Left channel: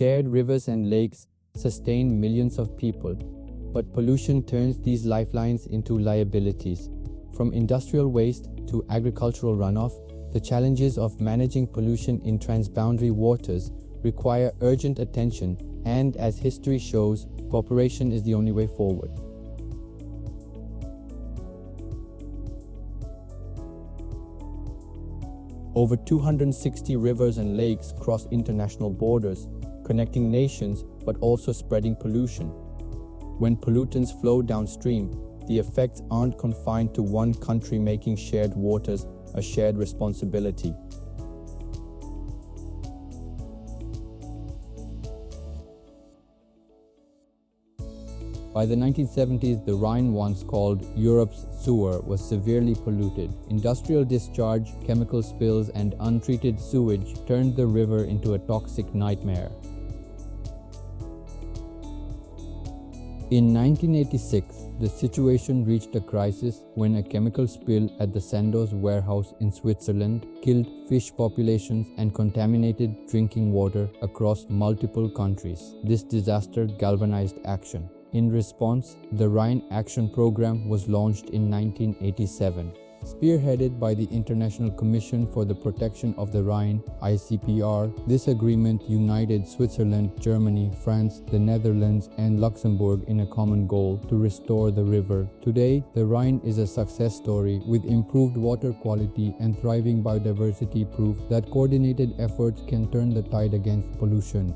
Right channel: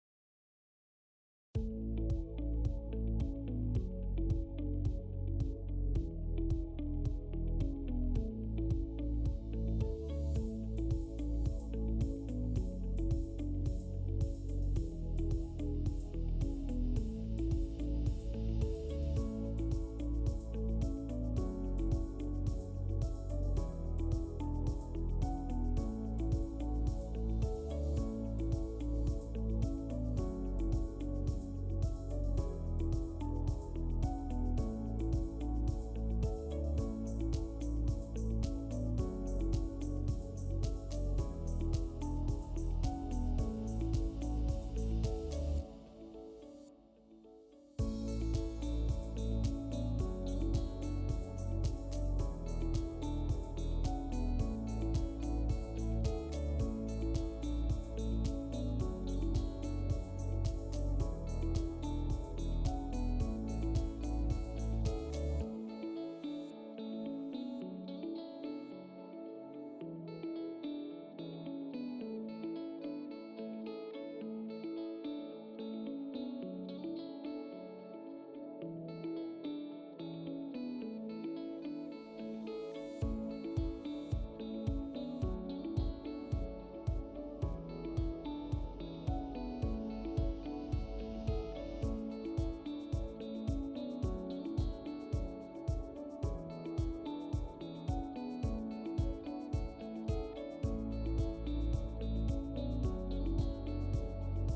Shared rivers and lakes sustain millions of people, but pollution turns these lifelines into liabilities. From industrial waste to agricultural runoff, the challenges of managing pollution in transboundary waters require urgent attention, and as history shows, cooperation is the only way forward. Over 260 rivers and lakes cross international borders, connecting nations but also spreading pollution. When pollutants flow downstream, the effects aren't confined to one country, making shared waters a shared responsibility. By the 1970s, the Rhine, once called Europe's sewer, was severely polluted. Industrial discharge, chemical spills, and untreated sewage turned the river into a toxic nightmare. In 1986, the situation reached a crisis when a chemical spill at the Sandoz warehouse in Switzerland killed fish populations and contaminated drinking water across multiple countries. This disaster galvanized action. In response, the Rhine Action Program was launched in 1987. Spearheaded by the International Commission for the Protection of the Rhine, ICPR, this agreement united Switzerland, Germany, France, the Netherlands, and Luxembourg in a common goal to restore the river. Today, the Rhine is a success story with improved water quality and thriving biodiversity, proof that coordinated efforts can turn the tide against pollution.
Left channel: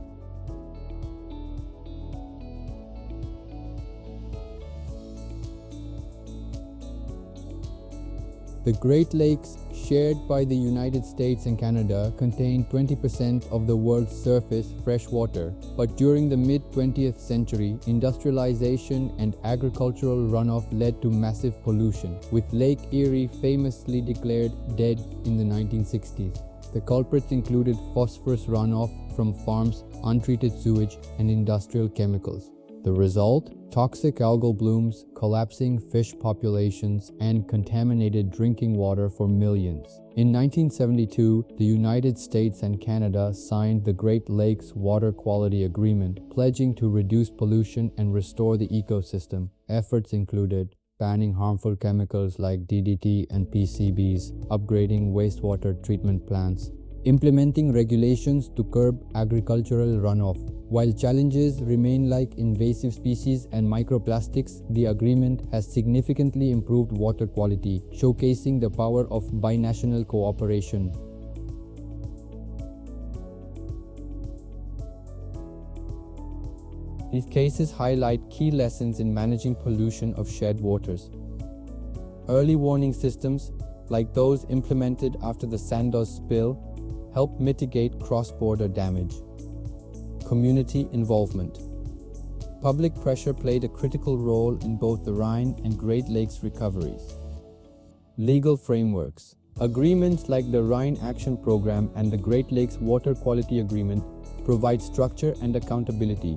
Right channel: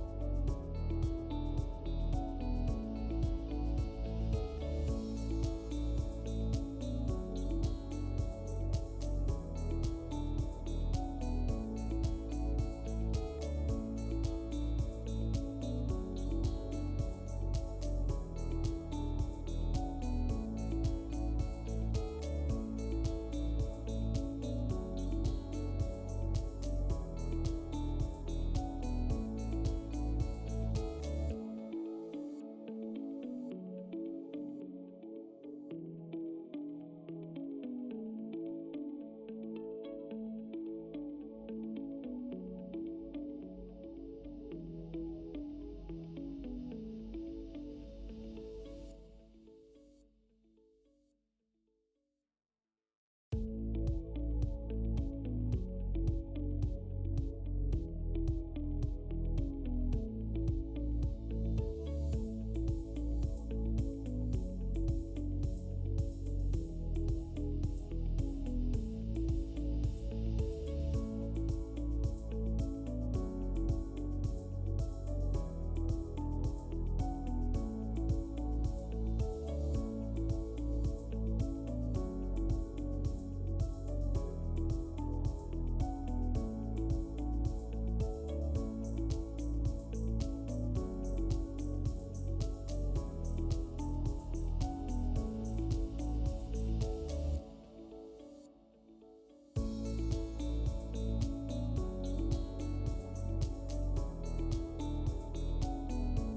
The Great Lakes, shared by the United States and Canada, contain 20% of the world's surface fresh water. But during the mid-20th century, industrialization and agricultural runoff led to massive pollution, with Lake Erie famously declared dead in the 1960s. The culprits included phosphorus runoff from farms, untreated sewage, and industrial chemicals. The result? Toxic algal blooms, collapsing fish populations, and contaminated drinking water for millions. In 1972, the United States and Canada signed the Great Lakes Water Quality Agreement, pledging to reduce pollution and restore the ecosystem. Efforts included banning harmful chemicals like DDT and PCBs, upgrading wastewater treatment plants, implementing regulations to curb agricultural runoff. While challenges remain like invasive species and microplastics, the agreement has significantly improved water quality, showcasing the power of binational cooperation. These cases highlight key lessons in managing pollution of shared waters. Early warning systems, like those implemented after the Sandoz spill, help mitigate cross-border damage. Community involvement. Public pressure played a critical role in both the Rhine and Great Lakes recoveries. Legal frameworks. Agreements like the Rhine Action Program and the Great Lakes Water Quality Agreement provide structure and accountability.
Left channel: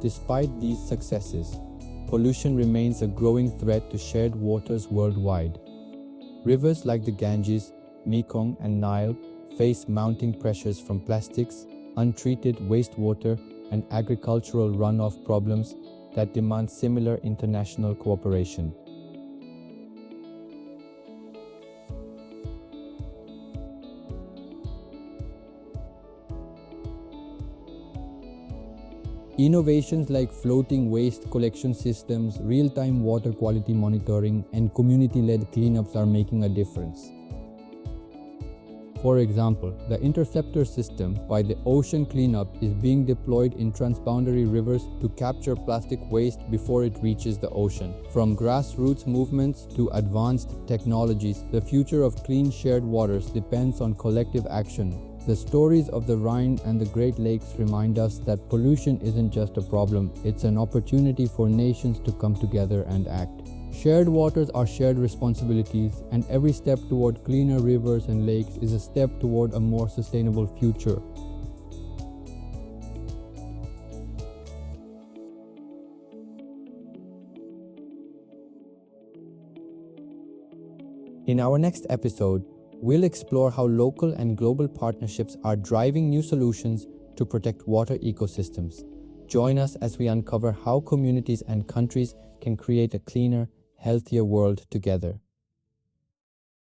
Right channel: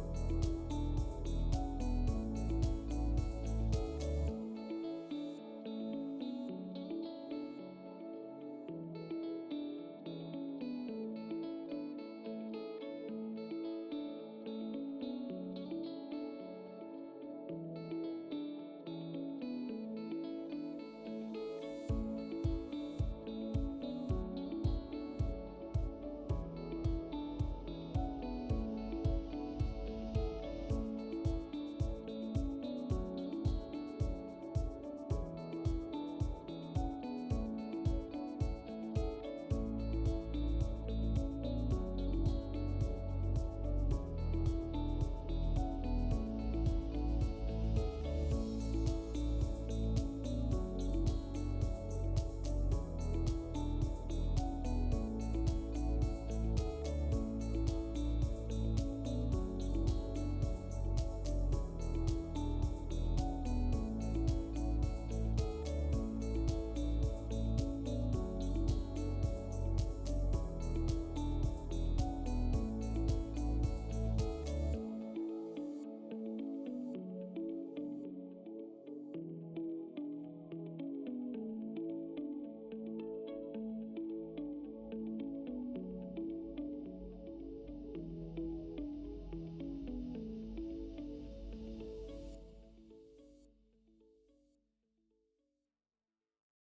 Despite these successes, pollution remains a growing threat to shared waters worldwide. Rivers like the Ganges, Mekong, and Nile face mounting pressures from plastics, untreated wastewater, and agricultural runoff problems that demand similar international cooperation. Innovations like floating waste collection systems, real-time water quality monitoring, and community-led cleanups are making a difference. For example, the Interceptor system by the Ocean Cleanup is being deployed in transboundary rivers to capture plastic waste before it reaches the ocean. From grassroots movements to advanced technologies, the future of clean shared waters depends on collective action. The stories of the Rhine and the Great Lakes remind us that pollution isn't just a problem, it's an opportunity for nations to come together and act. Shared waters are shared responsibilities, and every step toward cleaner rivers and lakes is a step toward a more sustainable future. In our next episode, we'll explore how local and global partnerships are driving new solutions to protect water ecosystems. Join us as we uncover how communities and countries can create a cleaner, healthier world together.